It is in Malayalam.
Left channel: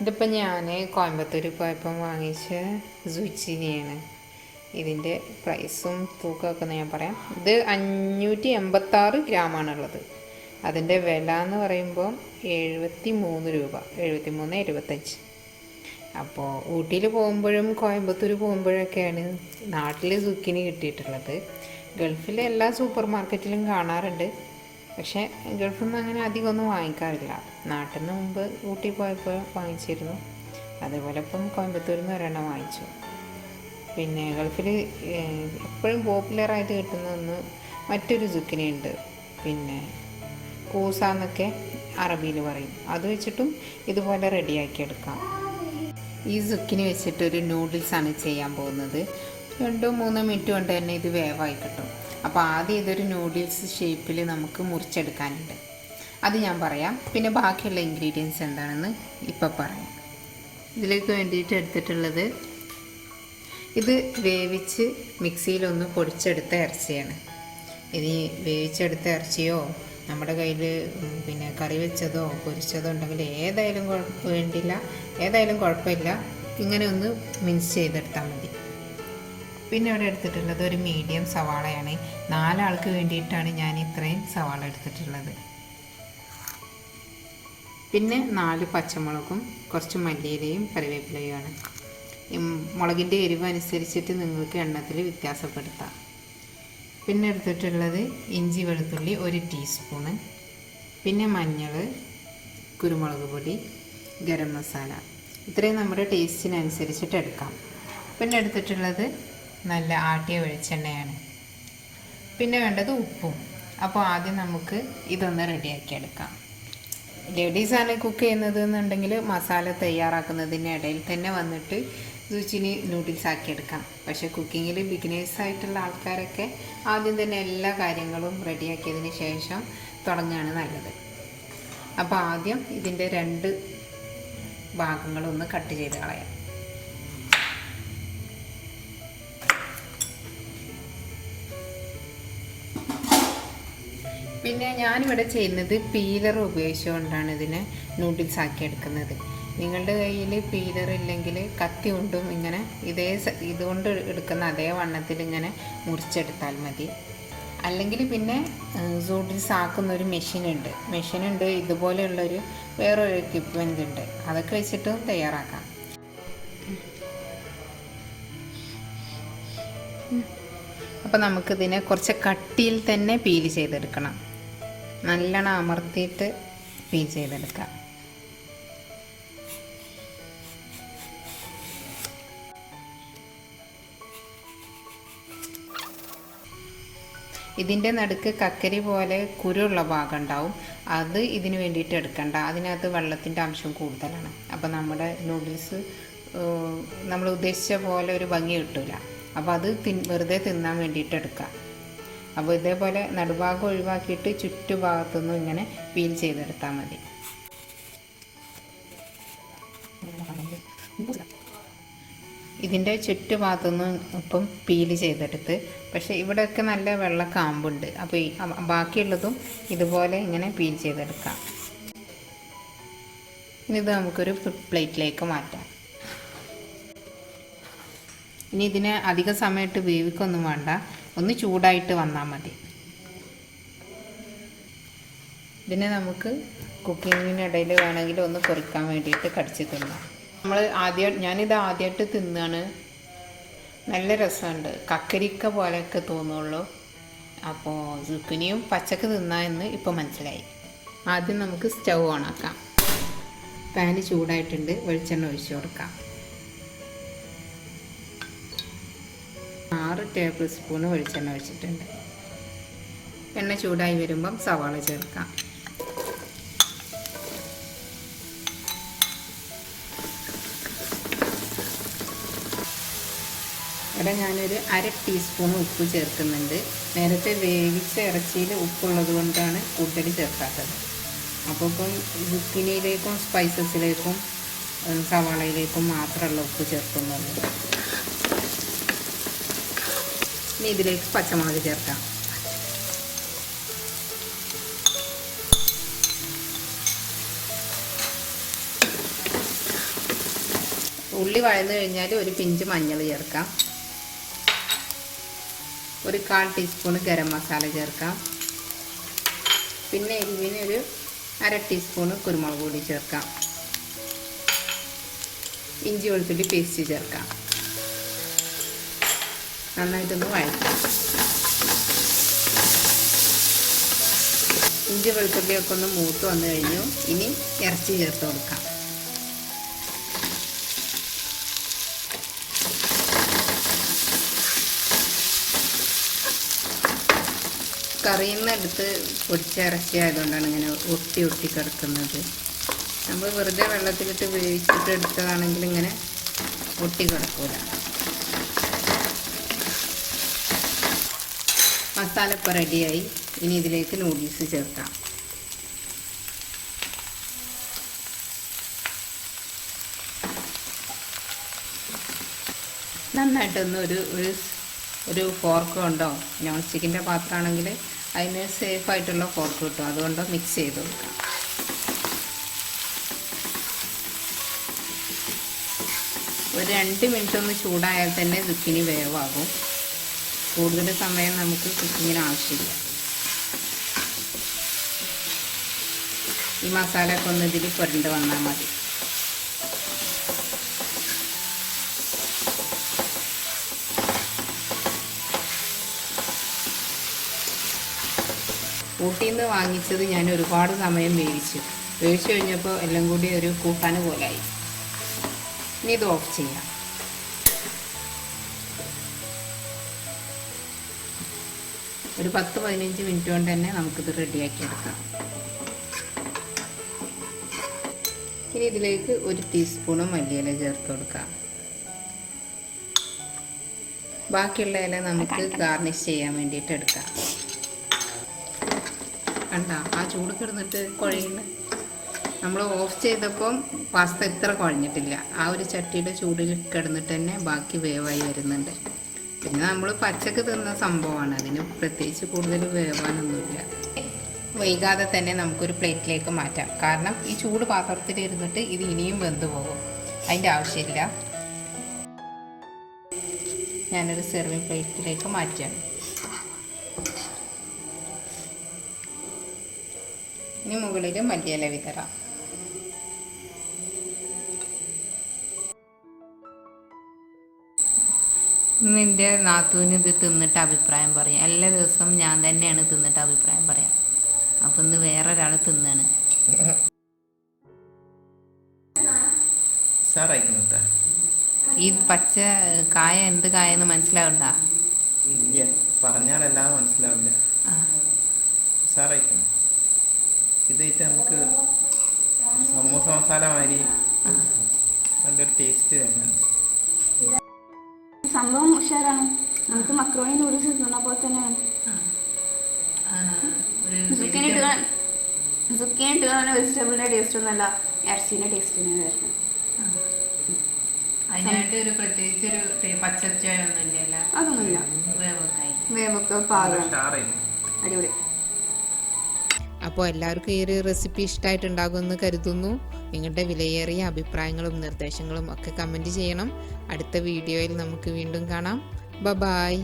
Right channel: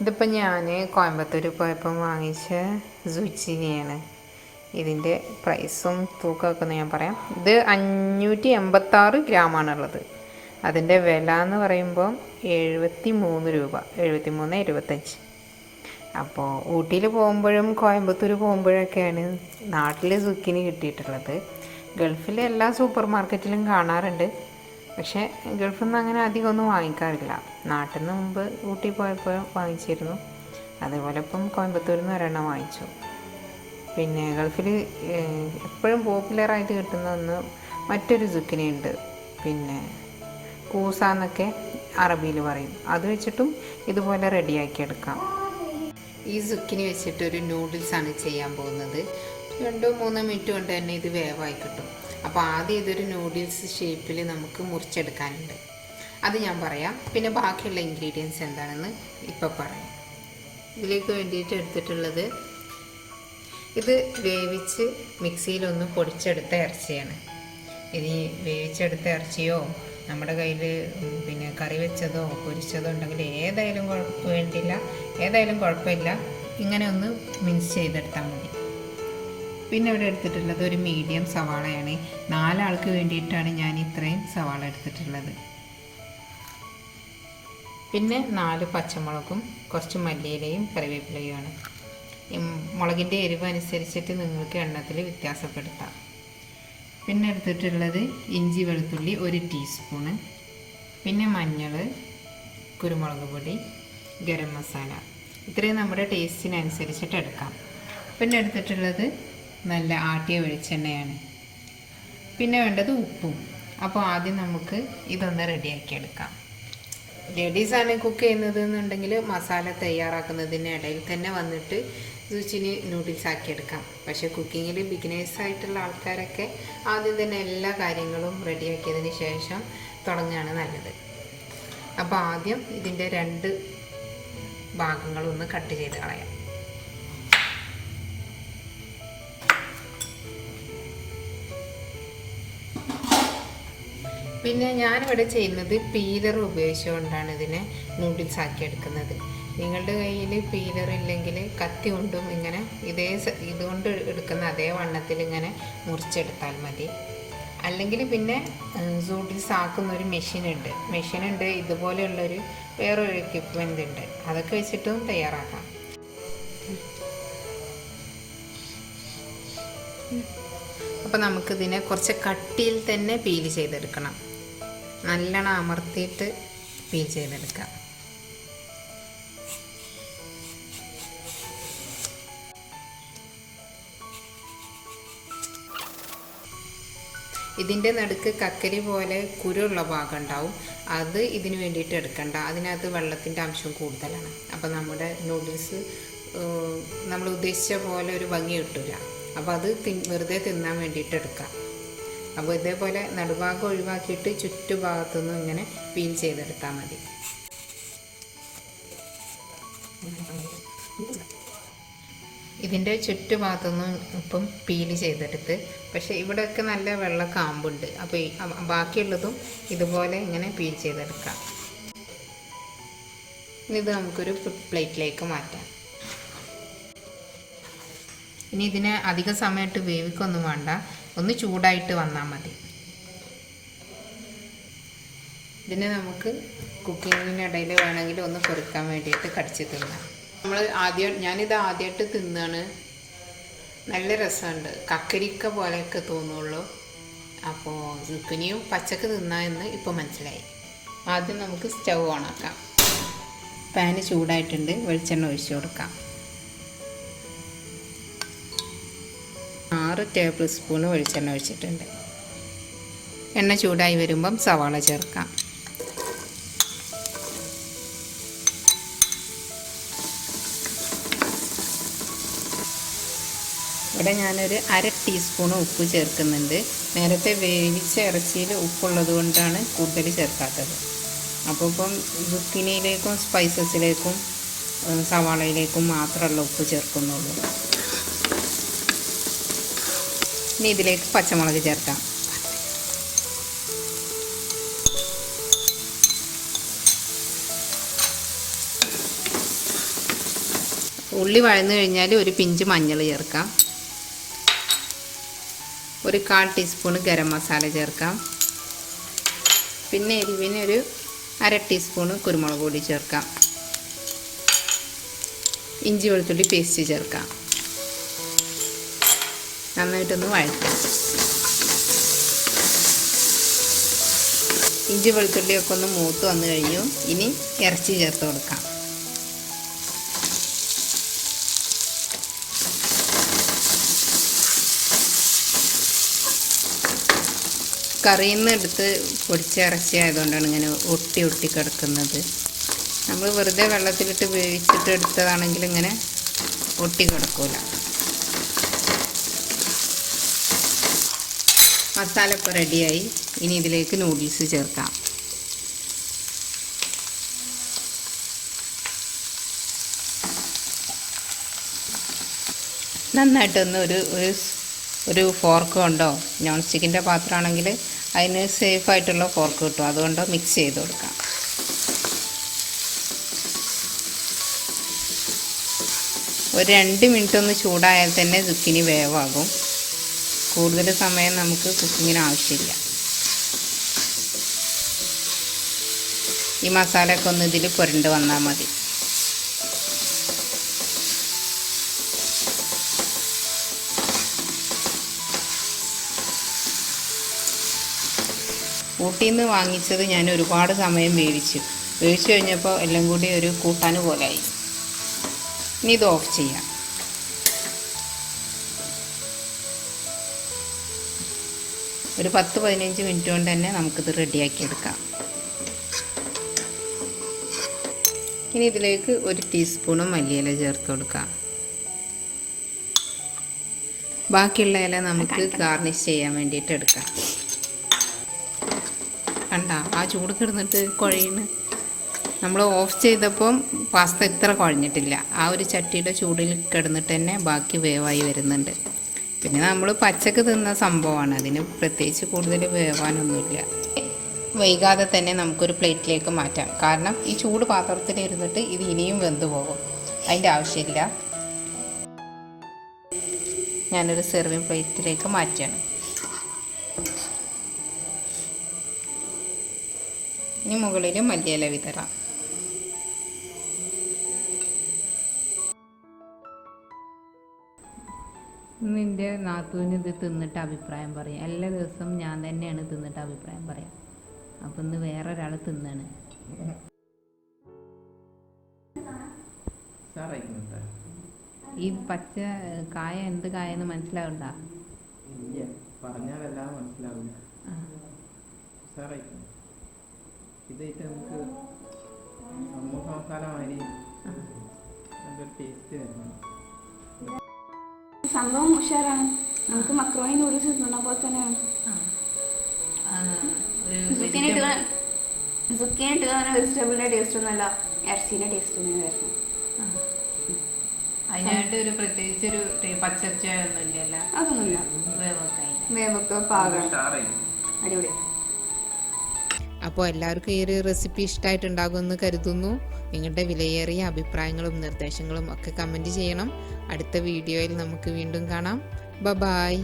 ഇതിപ്പോൾ ഞാൻ കോയമ്പത്തൂർ പോയപ്പം വാങ്ങിച്ച സുച്ചിനിയാണ്. ഇതിൻ്റെ പ്രൈസും തൂക്കമൊക്കെ ഒന്ന് ഞാൻ പറയാം. ഇത് 586 ഗ്രാമാണുള്ളത്. അതിൻ്റെ വില എന്ന് പറയുമ്പോൾ 73 രൂപ, 73.25. അപ്പോൾ ഊട്ടിയിൽ പോകുമ്പോഴും കോയമ്പത്തൂർ പോകുമ്പോഴൊക്കെയാണ് നാട്ടിൽ സുക്കിനി കിട്ടിയിട്ടുള്ളത്. ഗൾഫിലെ എല്ലാ സൂപ്പർ മാർക്കറ്റിലും കാണാറുണ്ട്, പക്ഷേ ഗൾഫിൽ നിന്ന് അങ്ങനെ അധികം ഒന്നും വാങ്ങിക്കാറില്ല. നാട്ടിൽ നിന്ന് മുമ്പ് ഊട്ടി പോയപ്പോൾ വാങ്ങിച്ചിരുന്നു. അതേപോലെ ഇപ്പം കോയമ്പത്തൂരിൽ നിന്ന് ഒരെണ്ണം വാങ്ങിച്ചു. പിന്നെ ഗൾഫിൽ എപ്പോഴും പോപ്പുലറായിട്ട് കിട്ടുന്ന ഒന്ന് മറ്റൊരു സുക്കിനി ഉണ്ട്, പിന്നെ കൂസ എന്നൊക്കെ അറബിയിൽ പറയും. അത് വെച്ചിട്ടും ഇതുപോലെ റെഡിയാക്കി എടുക്കാം. ഈ സുക്കിനി വെച്ചിട്ടൊരു നൂഡിൽസാണ് ചെയ്യാൻ പോകുന്നത്. 2-3 മിനിറ്റ് കൊണ്ട് തന്നെ ഇത് വേവായി കിട്ടും. അപ്പോൾ ആദ്യം ഇതൊരു നൂഡിൽസ് ഷേപ്പിൽ നമുക്ക് മുറിച്ചെടുക്കാനുണ്ട്, അത് ഞാൻ പറയാം. പിന്നെ ബാക്കിയുള്ള ഇൻഗ്രീഡിയൻസ് എന്താണെന്ന് ഇപ്പോൾ പറയാം. ഇതിലേക്ക് വേണ്ടിയിട്ട് എടുത്തിട്ടുള്ളത് ഇത് വേവിച്ച് മിക്സിയിലൊന്ന് പൊടിച്ചെടുത്ത ഇറച്ചിയാണ്. ഇനി വേവിച്ചെടുത്ത ഇറച്ചിയോ നമ്മുടെ കയ്യിൽ പിന്നെ കറി വെച്ചതോ പൊരിച്ചതോ ഉണ്ടെങ്കിൽ ഏതായാലും കുഴപ്പമില്ല, ഇങ്ങനെ ഒന്ന് മിക്സ് ചെയ്തെടുത്താൽ മതി. പിന്നെ ഇവിടെ എടുത്തിട്ടുള്ളത് ഒരു മീഡിയം സവാളയാണ്. 4 ആൾക്ക് വേണ്ടിയിട്ടാണ് ഞാൻ ഇത്രയും സവാള എടുത്തിട്ടുള്ളത്. പിന്നെ 4 പച്ചമുളകും കുറച്ച് മല്ലിയിലയും കറിവേപ്പിലയുമാണ്. മുളകിൻ്റെ എരിവ് അനുസരിച്ചിട്ട് നിങ്ങൾക്ക് എണ്ണത്തിൽ വ്യത്യാസപ്പെടുത്താം. പിന്നെ എടുത്തിട്ടുള്ളത് ഇഞ്ചി വെളുത്തുള്ളി 1 ടീസ്പൂണ്, പിന്നെ മഞ്ഞൾ, കുരുമുളക് പൊടി, ഗരം മസാല, ഇത്രയും നമ്മുടെ ടേസ്റ്റിനനുസരിച്ചിട്ട് എടുക്കാം. പിന്നെ എടുത്തിട്ടുള്ളത് നല്ല ആട്ടിയ വെളിച്ചെണ്ണയാണ്. പിന്നെ വേണ്ടത് ഉപ്പും. അപ്പോൾ ആദ്യം നമുക്ക് ഇതൊന്ന് റെഡിയാക്കി എടുക്കാം. ലേഡീസാണ് കുക്ക് ചെയ്യുന്നത് എന്നുണ്ടെങ്കിൽ മസാല തയ്യാറാക്കുന്നതിന് ഇടയിൽ തന്നെ വന്നിട്ട് സുച്ചിനി നൂഡിൽസ് ആക്കിയെടുക്കാം. പക്ഷേ കുക്കിങ്ങിൽ ബിഗിനേഴ്സായിട്ടുള്ള ആൾക്കാരൊക്കെ ആദ്യം തന്നെ എല്ലാ കാര്യങ്ങളും റെഡിയാക്കിയതിന് ശേഷം തുടങ്ങുകയാണ് നല്ലത്. അപ്പോൾ ആദ്യം ഇതിൻ്റെ 2 ഭാഗങ്ങളൊന്ന് കട്ട് ചെയ്ത് കളയാം. പിന്നെ ഞാനിവിടെ ചെയ്യുന്നത് പീലർ ഉപയോഗിച്ചുകൊണ്ടാണ് ഇതിനെ നൂഡിൽസ് ആക്കി എടുക്കുന്നത്. നിങ്ങളുടെ കയ്യിൽ പീലർ ഇല്ലെങ്കിൽ കത്തി കൊണ്ടും ഇങ്ങനെ ഇതുകൊണ്ട് എടുക്കുന്ന അതേ വണ്ണത്തിൽ ഇങ്ങനെ മുറിച്ചെടുത്താൽ മതി. അല്ലെങ്കിൽ പിന്നെ നൂഡിൽസ് ആക്കുന്ന ഒരു മെഷീനുണ്ട്, ഇതുപോലെയുള്ളൊരു വേറൊരു എക്യുപ്മെൻ്റ് ഉണ്ട്, അതൊക്കെ വെച്ചിട്ടും തയ്യാറാക്കാം. അപ്പോൾ നമുക്കിതിനെ കുറച്ച് കട്ടിയിൽ തന്നെ പീൽ ചെയ്തെടുക്കണം. നല്ലോണം അമർത്തിയിട്ട് പീൽ ചെയ്തെടുക്കാം. ഇതിൻ്റെ നടുക്ക് കക്കരി പോലെ കുരുള്ള ഭാഗം ഉണ്ടാവും, അത് ഇതിന് വേണ്ടിയിട്ട് എടുക്കണ്ട. അതിനകത്ത് വെള്ളത്തിൻ്റെ അംശം കൂടുതലാണ്. അപ്പോൾ നമ്മുടെ നൂഡിൽസ് നമ്മൾ ഉദ്ദേശിച്ച പോലെ ഒരു ഭംഗി കിട്ടില്ല. അപ്പോൾ അത് വെറുതെ തിന്നാൻ വേണ്ടിയിട്ട് എടുക്കാം. അപ്പോൾ ഇതേപോലെ നടുഭാഗം ഒഴിവാക്കിയിട്ട് ചുറ്റുഭാഗത്തുനിന്നും ഇങ്ങനെ പീൽ ചെയ്തെടുത്താൽ മതി. ഇതിൻ്റെ ചുറ്റുഭാഗത്തുനിന്നും ഇപ്പം പീൽ ചെയ്തെടുത്ത്, പക്ഷേ ഇവിടെയൊക്കെ നല്ല വെള്ള കാമ്പുണ്ട്. അപ്പോൾ ബാക്കിയുള്ളതും ഇതുപോലെ ഇങ്ങനെ പീൽ ചെയ്തെടുക്കാം. ഇനി ഇത് നമുക്കൊരു പ്ലേറ്റിലേക്ക് മാറ്റാം. ഇനി ഇതിനെ അധിക സമയത്ത് വേവിക്കൊന്നും വേണ്ട, ഒന്ന് ചൂടായിട്ട് വന്നാൽ മതി. ഇതിനെ നമുക്ക് കുക്കിങ്ങിനിടയിൽ വേണമെങ്കിൽ ഒന്ന് പൊരിക്കാൻ വേണ്ടിയിട്ട് കടിച്ച് തിന്നാം. ഞാനിത് ആദ്യമായിട്ട് തിന്നാണ്. നല്ല രസമുണ്ട്, കക്കരിക്ക പോലെയൊക്കെ തോന്നുള്ളൂ. അപ്പോൾ സുക്കിനിയും പച്ചക്ക് തിന്നാമെന്ന് ഇപ്പോൾ മനസ്സിലായി. ആദ്യം നമുക്ക് സ്റ്റൗ ഓണാക്കാം. പാന് ചൂടായിട്ടുണ്ട്, വെളിച്ചെണ്ണ ഒഴിച്ചു കൊടുക്കാം. 6 ടേബിൾ സ്പൂൺ വെളിച്ചെണ്ണ ഒഴിച്ചിട്ടുണ്ട്. എണ്ണ ചൂടായി വരുമ്പം സവാള ചേർക്കാം. ഇവിടെ ഞാനൊരു 1/2 ടീസ്പൂൺ ഉപ്പ് ചേർക്കുന്നുണ്ട്. നേരത്തെ വേവിച്ച ഇറച്ചിയിൽ ഉപ്പുള്ളത് കൊണ്ടാണ് കൂടുതൽ ചേർക്കാത്തത്. അപ്പോൾ ഇപ്പം സുക്കിനിയിലേക്കും സ്പൈസസിലേക്കും സവാളയിലേക്കും മാത്രമുള്ള ഉപ്പ് ചേർക്കുന്നുള്ളൂ. ഇനി ഇതിലേക്ക് പച്ചമുളക് ചേർക്കാം. ഉള്ളി വഴന്നു കഴിഞ്ഞാൽ ഒരു പിഞ്ച് മഞ്ഞൾ ചേർക്കാം, ഒരു 1/4 ടീസ്പൂൺ ഗരം മസാല ചേർക്കാം, പിന്നെ എരിവിന് ഒരു 1/2 ടീസ്പൂൺ കുരുമുളക് പൊടി ചേർക്കാം, ഇഞ്ചി വെളുത്തുള്ളി പേസ്റ്റ് ചേർക്കാം. നന്നായിട്ടൊന്ന് വഴറ്റാം. ഇഞ്ചി വെളുത്തുള്ളിയൊക്കെ ഒന്ന് മൂത്ത് വന്നു കഴിഞ്ഞു. ഇനി ഇറച്ചി ചേർത്ത് കൊടുക്കാം. കറിയിൽ നിന്ന് എടുത്ത് പൊടിച്ച ഇറച്ചി ആയതുകൊണ്ടാണ് ഇങ്ങനെ ഒട്ടി ഒട്ടി കിടക്കുന്നത്. നമ്മൾ വെറുതെ വെള്ളത്തിലിട്ട് വേവിച്ചിട്ട് എടുത്തതാണെങ്കിൽ ഇങ്ങനെ ഒട്ടി കിടക്കില്ല. മസാല ഇപ്പോൾ റെഡിയായി. ഇനി ഇതിലേക്ക് നൂഡിൽസ് ചേർക്കാം. നന്നായിട്ടൊന്ന് ഒരു ഫോർക്ക് കൊണ്ടോ, നോൺ സ്റ്റിക്കിൻ്റെ പാത്രമാണെങ്കിൽ അതിന് സേഫായിട്ടുള്ള ഫോർക്ക് കിട്ടും, അതുകൊണ്ടോ മിക്സ് ചെയ്ത് കൊടുക്കാം. ഒരു 2 മിനിറ്റ് ഒന്ന് ചൂടായാൽ തന്നെ zucchini വേവാകും. കൂടുതൽ സമയം നമുക്ക് കുക്കിങ്ങിന് ആവശ്യമില്ല. ഈ മസാലയൊക്കെ ഒന്ന് ഇതിൽ പുരണ്ട് വന്നാൽ മതി. ഊട്ടിയിൽ നിന്ന് വാങ്ങിച്ചത് ഞാൻ ഒരുപാട് സമയം വേവിച്ചു കഴിഞ്ഞപ്പോൾ എല്ലാം കൂടി ഒരു കൂട്ടാൻ പോലായി. ഇനി ഇത് ഓഫ് ചെയ്യാം. ഒരു 10-15 മിനിറ്റ് കൊണ്ട് തന്നെ നമുക്കിത് റെഡിയാക്കി എടുക്കാം. ഇനി ഇതിലേക്ക് 1 ടീസ്പൂൺ മല്ലിയില ചേർത്ത് കൊടുക്കാം. ബാക്കിയുള്ള ഇല നമുക്ക് ഗാർണിഷ് ചെയ്യാൻ വേണ്ടിയിട്ട് എടുക്കാം. കണ്ട ആ ചൂട് കിടന്നിട്ട് കുഴയുന്നു. നമ്മൾ ഓഫ് ചെയ്തപ്പം പാസ്ത ഇത്ര കുഴഞ്ഞിട്ടില്ല. ആ ഒരു ചട്ടിയുടെ ചൂടിൽ കിടന്നിട്ട് തന്നെ ബാക്കി വേവായി വരുന്നുണ്ട്. പിന്നെ നമ്മൾ പച്ചക്ക് തിന്ന സംഭവമാണ്, അതിന് പ്രത്യേകിച്ച് കൂടുതൽ വേവാനൊന്നുമില്ല. വൈകാതെ തന്നെ നമുക്കൊരു പ്ലേറ്റിലേക്ക് മാറ്റാം. കാരണം ഈ ചൂട് പാത്രത്തിലിരുന്നിട്ട് ഇത് ഇനിയും വെന്ത് പോകും. അതിൻ്റെ ആവശ്യമില്ല. ഞാനൊരു സെർവിങ് പ്ലേറ്റിലേക്ക് മാറ്റാണ്. ഇനി മുകളിൽ മല്ലിയില വിതറാം. ഇന്ന് എൻ്റെ നാത്തൂന് ഇത് തിന്നിട്ട് അഭിപ്രായം പറയാം. എല്ലാ ദിവസവും ഞാൻ തന്നെയാണ് തിന്നിട്ട് അഭിപ്രായം പറയാം. അപ്പം ഇന്ന് വേറൊരാൾ തിന്നാണ്. ഈ പച്ച കായ എന്ത് കായെന്ന് മനസ്സിലാവണ്ട? പറഞ്ഞാലെല്ലാം മനസ്സിലാവില്ല. ഇതായിട്ട് നമുക്ക് സമൂസ മസാല മാതിരി നല്ലൊരു ടേസ്റ്റ് വരുന്നുണ്ട്. സംഭവം ഉഷാറാണ്. നമുക്ക് മക്രോണി നൂഡിൽസ് തിന്ന പോലെ തന്നെയാണ്. സുക്കിനി ഇട്ട് വെജിറ്റബിളിന്റെ ടേസ്റ്റ് ഒന്നല്ല, ഇറച്ചിന്റെ ടേസ്റ്റ് തന്നെ വരുന്നത്. അതിനായിട്ട് ഒരു പ്രത്യേകിച്ച് ഒരു പച്ചച്ചൊന്നുമില്ല. അതൊന്നുമില്ല. വേവൊക്കെ പാകം അടിപൊളി. അപ്പോൾ എല്ലാവർക്കും ഈ ഒരു റെസിപ്പി ഇഷ്ടമായിട്ടുണ്ടാകുമെന്ന് കരുതുന്നു. നിങ്ങളുടെ വിലയേറിയ അഭിപ്രായങ്ങളും നിർദ്ദേശങ്ങളും ഒക്കെ കമൻറ്റ് ചെയ്യണം. അടുത്ത വീഡിയോയിൽ നമുക്ക് വീണ്ടും കാണാം. ബൈ.